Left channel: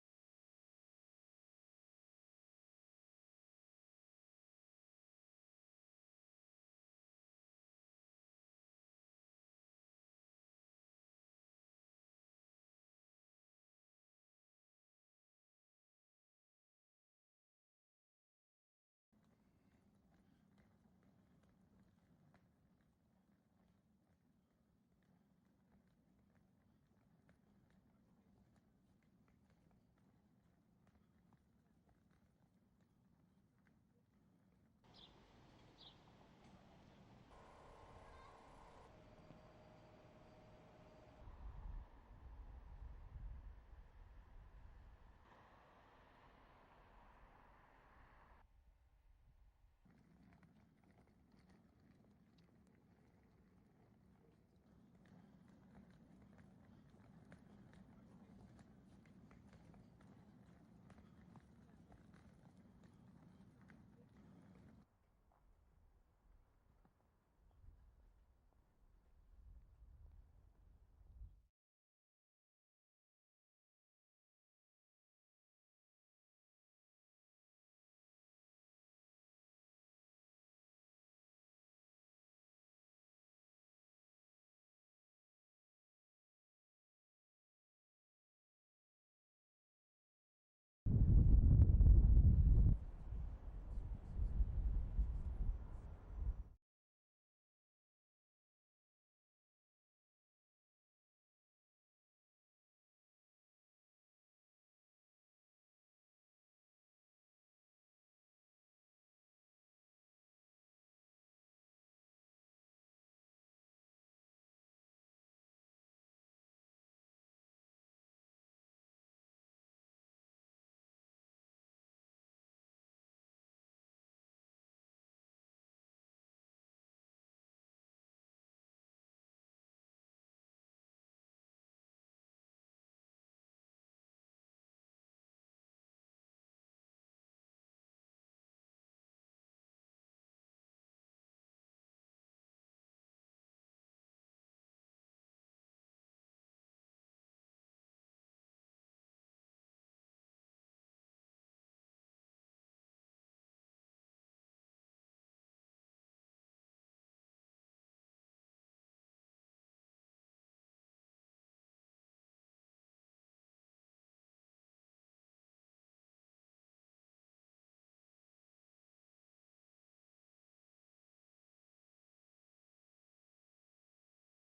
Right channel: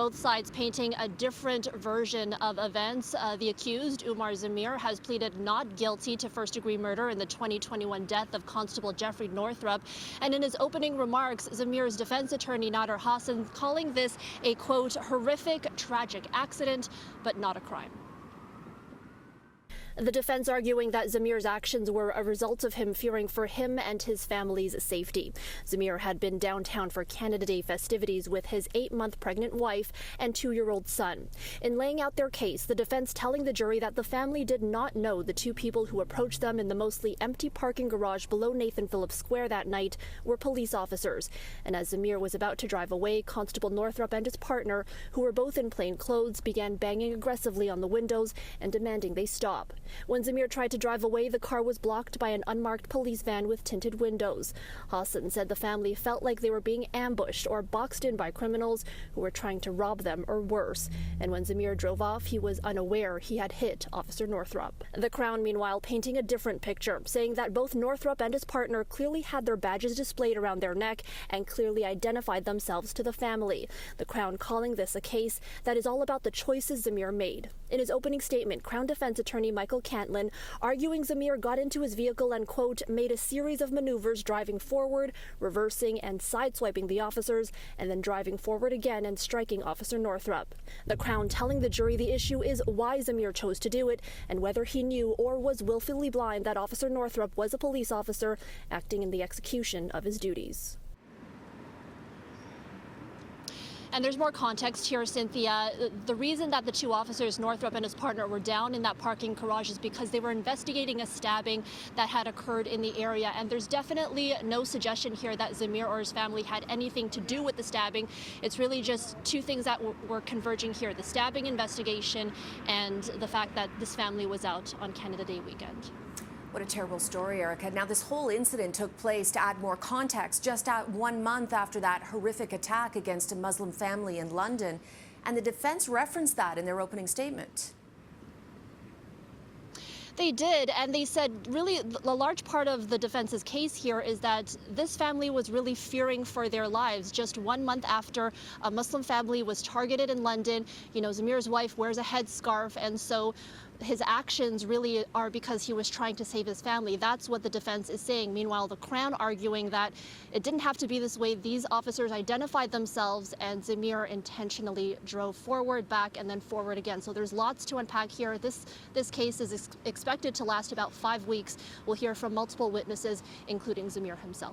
both sides painting a different version of events. The accused, Umar Zameer, has pleaded not guilty to first-degree murder in the 2021 death of Constable Jeffrey Northrup. And in his opening remarks, Zameer's defense attorney, Nader Hassan, calling this a, quote, horrific, tragic accident, but not a crime. The defense arguing that Zameer's actions were a result of him fearing for him and his family's safety. Zameer had been downtown for Canada Day festivities with his 8-month pregnant wife and 2-year-old son. In laying out their case, the defense telling the jury that the family did not know the two people who approached them in the mostly empty parking garage below Nathan Phillips Square that night were police officers. And as Zameer was about to drive away, Constable Northrup and his partner, who were both in plain clothes, began banging aggressively on the windows and demanding they stop. When Zameer tried to drive away, the car was blocked by an unmarked police van with tinted windows. Hassan said the family felt like they were being ambushed or boxed in by criminals who were trying to rob them or worse. And when Zameer drove off, he was unaware he had hit Officer Northrup. The Crown, meanwhile, painting a different picture, saying that both Northrup and his partner clearly had their badges displayed around their neck and clearly identified themselves to the family. The Crown calling this a case that is all about the choices Zameer made. In his opening statement, Crown Defense Attorney Michael Cantlin arguing Zameer got into his vehicle and, quote, made a series of maneuvers driving forward, reversing and sideswiping the officers, and then driving forward again and striking Officer Northrup. The Crown telling the jury the issue is why Zameer chose to do it and whether he knew or was willfully blind that Officer Northrup was a police officer acting in the execution of his duties. And there's more context here, Cynthia. The reason that the two officers, Northrup and his partner, were down in that parking garage is because they were investigating a stabbing that had occurred in the area. And there's definitely no suggestion here that Zameer or his family had anything to do with the stabbing. It's really just two things that were converging here: the stabbing investigation and the fact that this family was out on Canada Day weekend. What a terrible story, Erica. Now, this whole incident took place, to add more context, just 1 month after that horrific attack against a Muslim family in London. And the defense referenced that in their opening statement. They did, and they said really a large part of the defense's case here is that this family was really fearing for their lives. Just 1 month after a Muslim family was targeted in London, you know, Zameer's wife wears a headscarf, and so his actions really are because he was trying to save his family. That's what the defense is saying. Meanwhile, the Crown arguing that it didn't have to be this way. These officers identified themselves, and Zameer intentionally drove forward, back, and then forward again. So there's lots to unpack here. This case is expected to last about 5 weeks. We'll hear from multiple witnesses, including Zameer himself.